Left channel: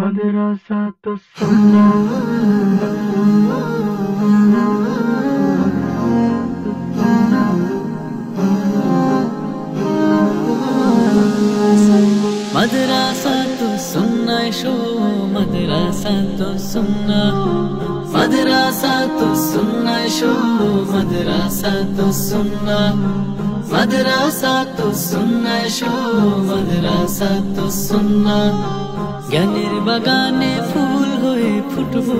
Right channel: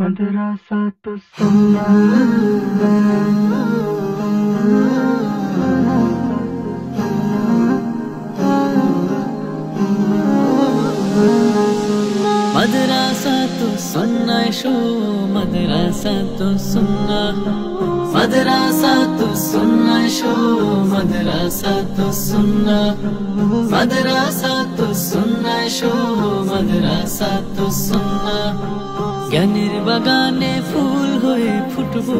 मदरसा तो सुन्ना मदरसा तो सुन्ना शो मदरसा तो सुन्ना मदरसा तो सुन्ना शो मदरसा तो सुन्ना मदरसा तो सुन्ना शो मदरसा तो सुन्ना ज्ञानेर बागाने फूल होए फुटबो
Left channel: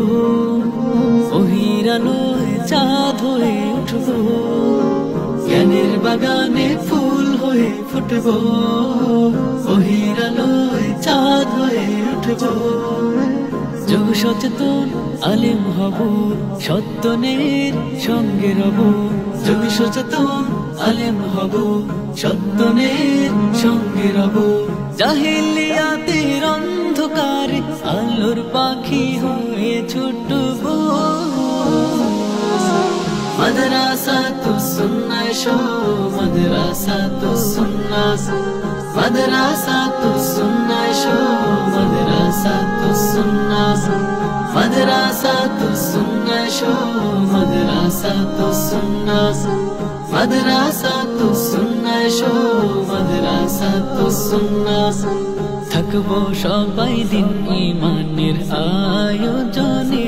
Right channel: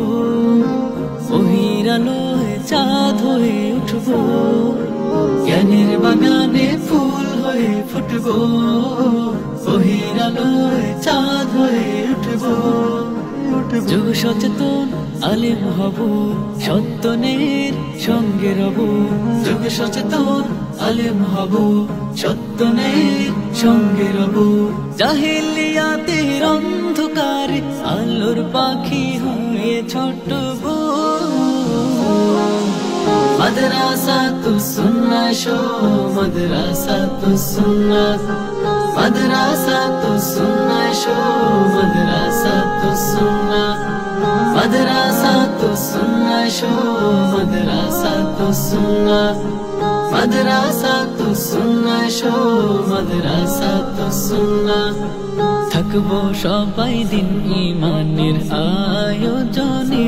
ओहिर आलोय चाँद होए उठबो ज्ञानेर बागाने फूल होए फुटबो ओहिर आलोय चाँद होए उठबो যোগ সচেতন আলেম হব সত্যনের সঙ্গে রব যোগ সচেতন আলেম হব সত্যনের সঙ্গে রব জাহেলিয়াতের অন্ধকারে আলোর পাখি হয়ে ছুটব মাদ্রাসা তো সুন্নাহ শো মাদ্রাসা তো সুন্নাহ মাদ্রাসা তো সুন্নাহ শো মাদ্রাসা তো সুন্নাহ মাদ্রাসা তো সুন্নাহ শো মাদ্রাসা তো সুন্নাহ মাদ্রাসা তো সুন্নাহ শো মাদ্রাসা তো সুন্নাহ থাকবো সবাই দিন ঈমানের আয়োজনে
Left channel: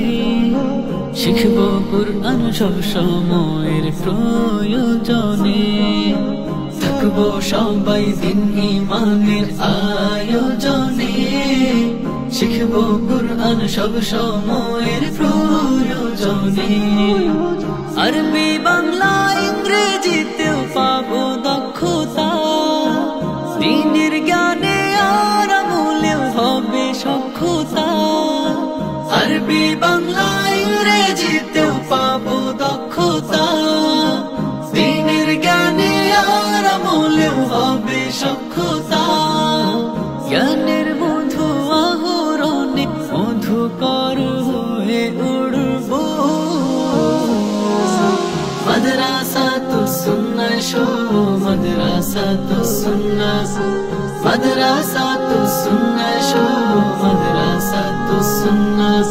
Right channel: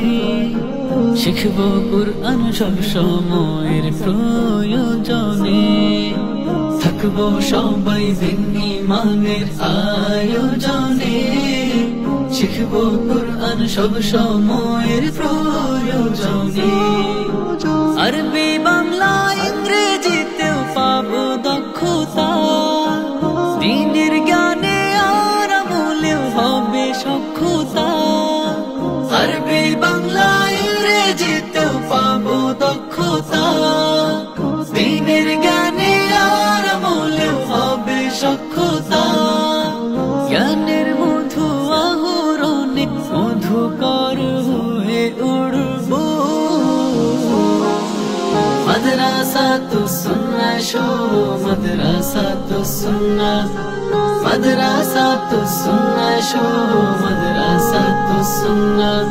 শিখবো কুরআন সব সময়ের প্রয়োজনে থাকবো সবাই দিন ঈমানের আয়োজনে শিখবো কুরআন সব সময়ের প্রয়োজনে আরবি বাংলা ইংরেজিতেও পাবো দক্ষতা দ্বীনের জ্ঞানে আর আমলেও হবে সক্ষতা আরবি বাংলা ইংরেজিতেও পাবো দক্ষতা দ্বীনের জ্ঞানে আর আমলেও হবে সক্ষতা জ্ঞানের মধু আহরণে মধুকর হয়ে উড়ব মাদ্রাসা তো সুন্নাহ শো মাদ্রাসা তো সুন্নাহ মাদ্রাসা তো সুন্নাহ শো মাদ্রাসা তো সুন্নাহ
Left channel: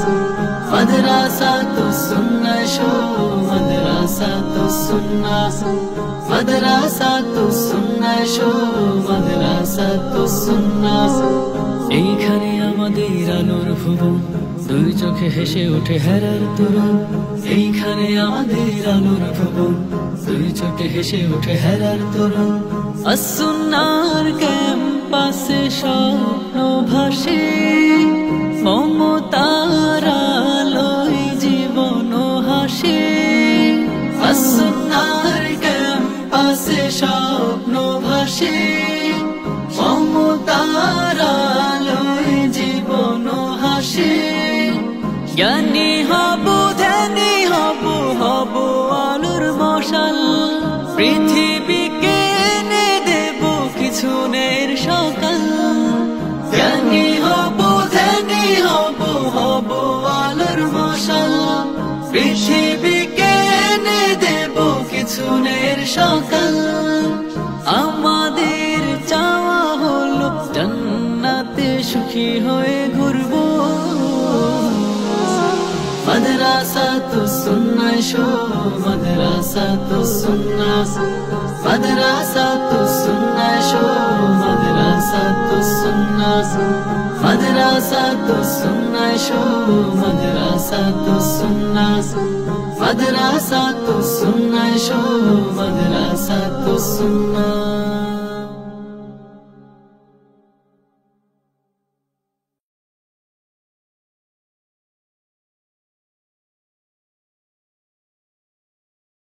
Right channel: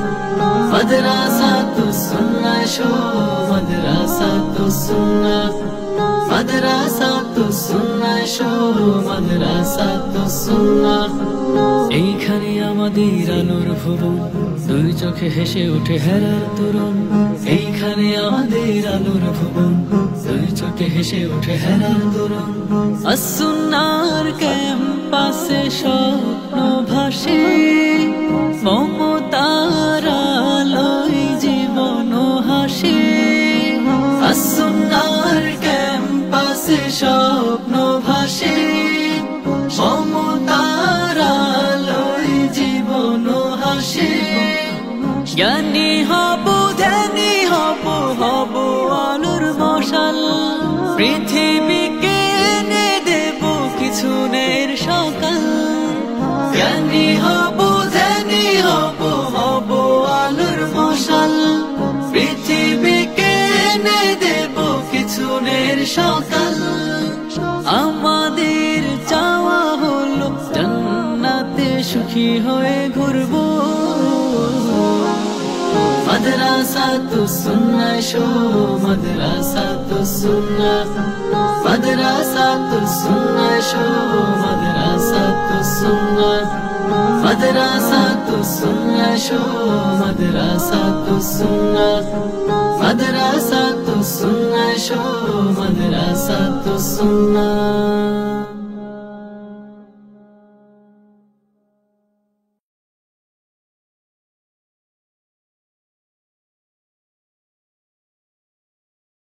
মাদ্রাসা তো সুন্নাহ শো মাদ্রাসা তো সুন্নাহ মাদ্রাসা তো সুন্নাহ শো মাদ্রাসা তো সুন্নাহ এইখানে আমাদের আলোর ভুবন দুই চোখে হেসে ওঠে হেরার তরুণ এইখানে আমাদের আলোর ভুবন দুই চোখে হেসে ওঠে হেরার তরুণ আসুন্নার ক্যাম্পাসে স্বপ্ন ভাসে মমতার আলোয় জীবন হাসে আসুন্নার ক্যাম্পাসে স্বপ্ন ভাসে মমতার আলোয় জীবন হাসে জ্ঞানী হব ধ্যানী হব হব আলোর মশাল পৃথিবীকে এনে দেব কিছুনের সকাল জ্ঞানী হব ধ্যানী হব হব আলোর মশাল পৃথিবীকে এনে দেব কিছুনের সকাল আমাদের চাওয়া হলো জান্নাতে সুখী হয়ে ঘুরবো মাদ্রাসা তো সুন্নাহ শো মাদ্রাসা তো সুন্নাহ মাদ্রাসা তো সুন্নাহ শো মাদ্রাসা তো সুন্নাহ মাদ্রাসা তো সুন্নাহ শো মাদ্রাসা তো সুন্নাহ মাদ্রাসা তো সুন্নাহ শো মাদ্রাসা তো সুন্নাহ